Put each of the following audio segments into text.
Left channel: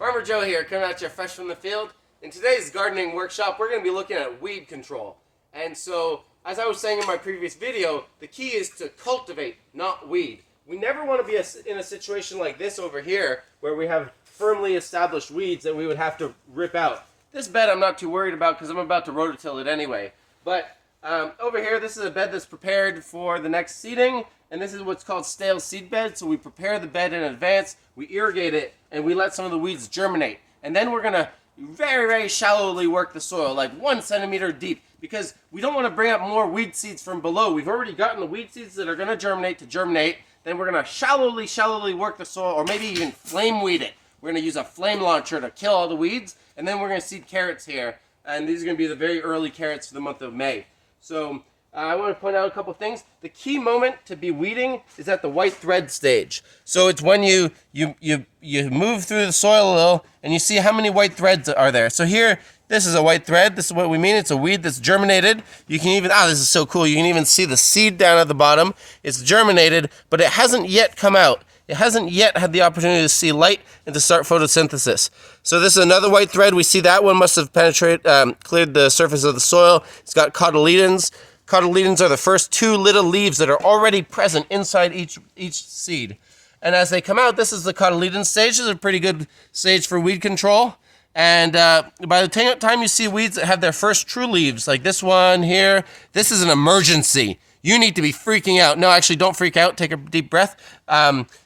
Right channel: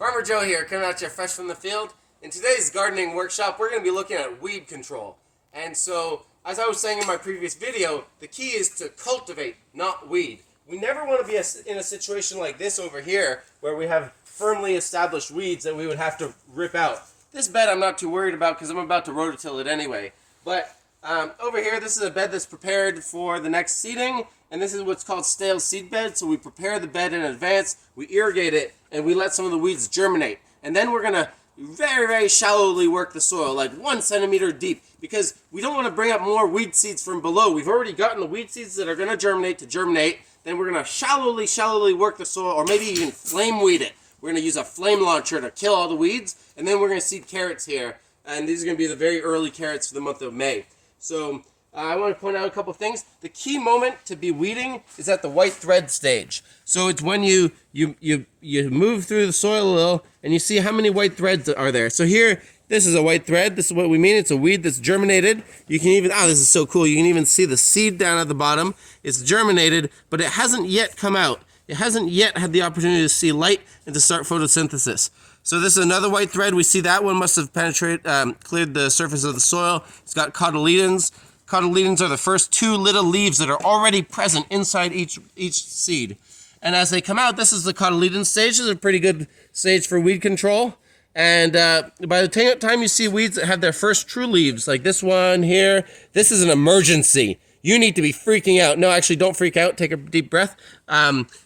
Farmer Joe here, coming at you fresh from the field. In today's gardening workshop, we're going to be looking at weed control. And so, as I was saying in my previous video, the key is to cultivate, not weed. We never want to be in a situation like this over here, where we have firmly established weeds that we would have to rip out. This bed I'm not too worried about because I'm about to rototill it anyway. But over here, this is a bed that's prepared for the next seeding, and this is what's called stale seed bed. So we prepare the bed in advance, we irrigate it, and we let some of the weeds germinate. And then we're going to very, very shallowly work the soil, like 1 centimeter deep, because we don't want to bring up more weed seeds from below. We've already gotten the weed seeds that are going to germinate. Then we're going to shallowly work the soil, or maybe even flame weed it. We're going to use a flame launcher to kill all the weeds, and then we're going to seed carrots here. And these are going to be the very early carrots for the month of May. So I want to point out a couple things. The key moment to be weeding is at the white thread stage. So it's when you move through the soil a little, and you see how many white threads are there. So here, this is a white thread. This is what we mean. It's a weed that's germinated. You can even, this is so cool. You can even see the seed down at the bottom. It's germinated, but it hasn't yet come out. It hasn't yet had the opportunity to see light and to start photosynthesis. So this is another white thread. We see that one must have cleared the surface of the soil. It's got cotyledons. Cotyledons are the first 2 little leaves that are already present inside each seed. And as they come out, this is the cotyledon stage. This is a pretty good stage for weed control. And by the time you see weeds that have their first true leaves, like this one here, this is an emergency. You need to be freaking out. No, actually, don't freak out. Take a deep breath.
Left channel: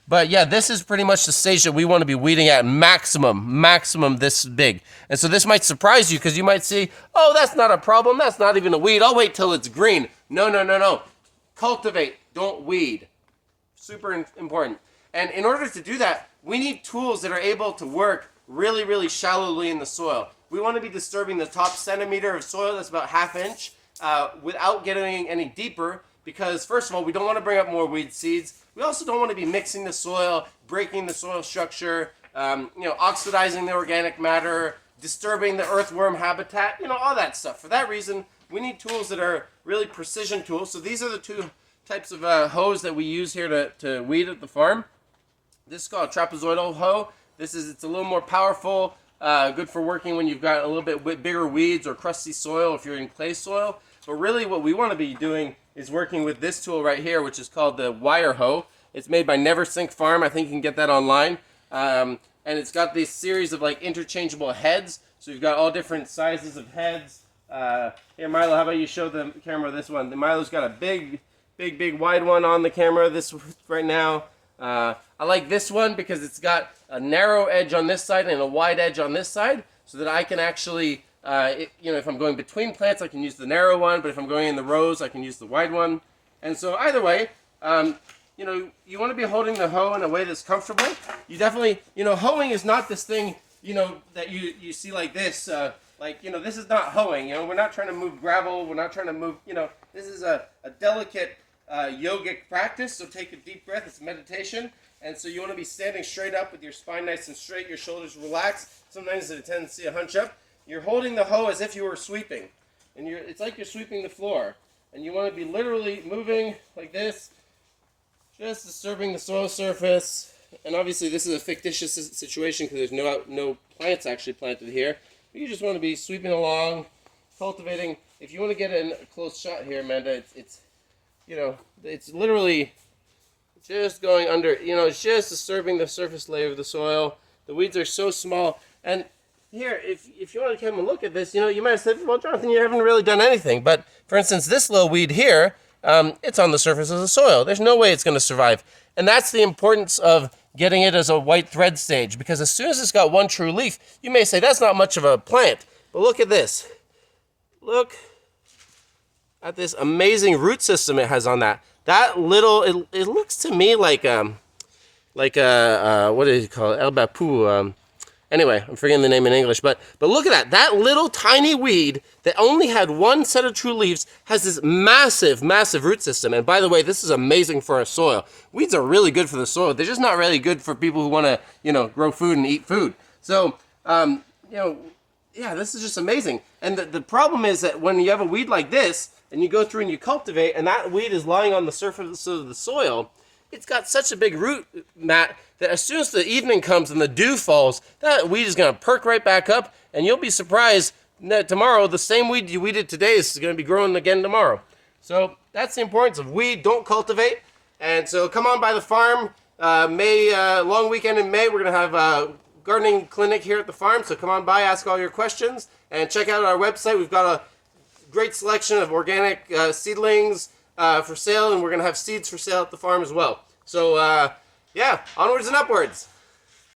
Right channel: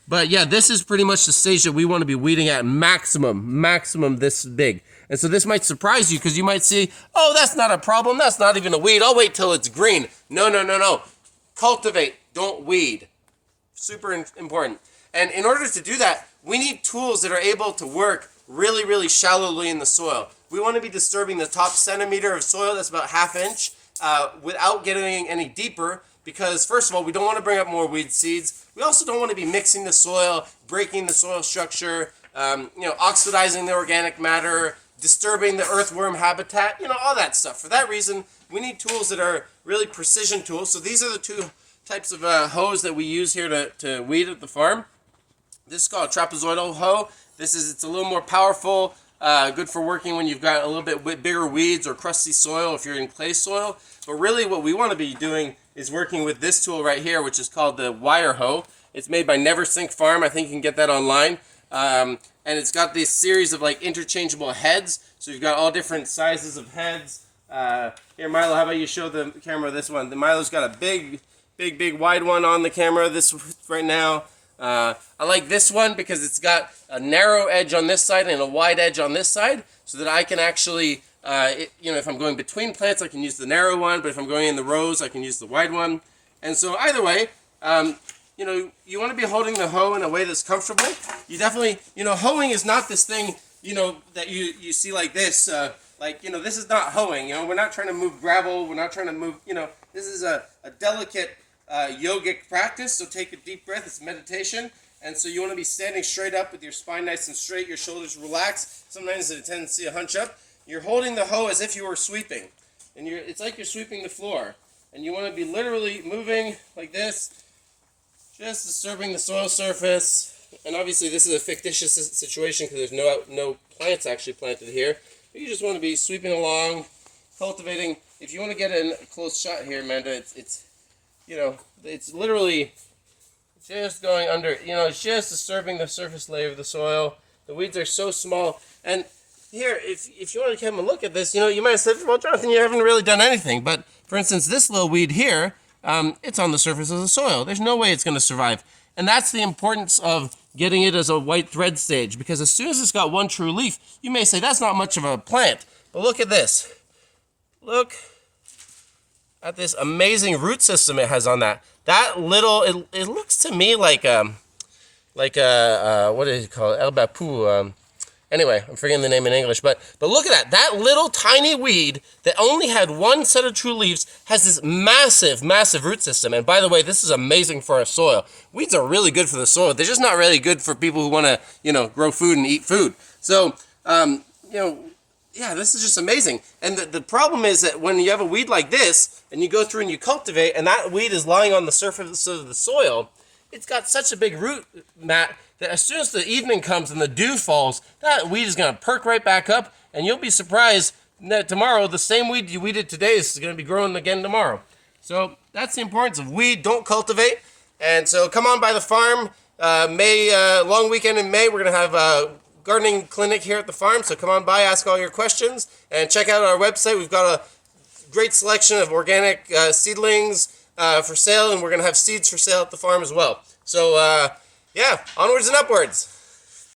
But yeah, this is pretty much the stage that we want to be weeding at maximum this big. And so this might surprise you because you might see, oh, that's not a problem. That's not even a weed. I'll wait till it's green. No. Cultivate, don't weed. Super important. And in order to do that, we need tools that are able to work really shallowly in the soil. We want to be disturbing the top centimeter of soil, that's about ½ inch, without getting any deeper, because first of all, we don't want to bring up more weed seeds. We also don't want to be mixing the soil, breaking the soil structure, oxidizing the organic matter, disturbing the earthworm habitat, all that stuff. For that reason, we need tools that are really precision tools. So these are the 2 types of hoes that we use here to weed at the farm. This is called a trapezoidal hoe. It's a little more powerful, good for working when you've got a little bit bigger weeds or crusty soil if you're in clay soil. But really what we want to be doing is working with this tool right here, which is called the wire hoe. It's made by Neversink Farm. I think you can get that online. And it's got this series of interchangeable heads. So you've got all different sizes of heads. Here, Milo, how about you show the camera this one? Milo's got a big wide one on the camera this right now. I like this one because it's got a narrow edge on this side and a wide edge on this side, so that I can actually, if I'm going between plants, I can use the narrow one, but if I'm going in the rows, I can use the wide one. And so either way, you want to be holding the hoe in a way that's comfortable. You definitely, hoeing is not this thing, that you see like this. This is not hoeing. We're not trying to move gravel. We're not trying to move, this is a delicate yogic practice. So take a deep breath. It's meditation. And so you want to be standing straight up with your spine nice and straight, your shoulders relaxed. Sometimes there's a tendency to hunch up. You're holding the hoe as if you were sweeping. And it's like you're sweeping the floor. And you want to be literally moving like this, just disturbing the soil surface. And obviously this is a fictitious situation because there's no plants actually planted here. But you just want to be sweeping along, cultivating. If you want to get a close shot here, Amanda, it's literally just going under, it's just disturbing the surface layer of the soil. The weeds are so small. And here, if you want to come and look at this, you might have said, well, Jonathan, you haven't really done anything. But for instance, this little weed here, it's on the surface of the soil. There's no way it's going to survive. And that's the importance of getting it as a white thread stage, because as soon as it's got 1 true leaf, you may say that's not much of a plant. But look at this. Look at this amazing root system it has on that. That little, it looks to me like a what do you call it? El Bapu. Anyway, I'm forgetting the name in English, but look at that. That little tiny weed that only had 1 set of true leaves has this massive root system. And by the way, this is amazing for our soil. Weeds are really good for the soil. They're just not really good for people who want to, grow food and eat food. So, yeah, this is just amazing. And the problem is that when you have a weed like this, and you go through and you cultivate, and that weed is lying on the surface of the soil, it's got such a big root mat that as soon as the evening comes and the dew falls, that weed is going to perk right back up, and you'll be surprised that tomorrow the same weed you weeded today is going to be growing again tomorrow. So that's the importance of weed. Don't cultivate. And so come on by the farm. Long weekend in May, we're going to have a gardening clinic here at the farm. So come on by, ask all your questions, and check out our website. We've got a great selection of organic seedlings for sale, and we're going to have seeds for sale at the farm as well. So, yeah, onwards and upwards.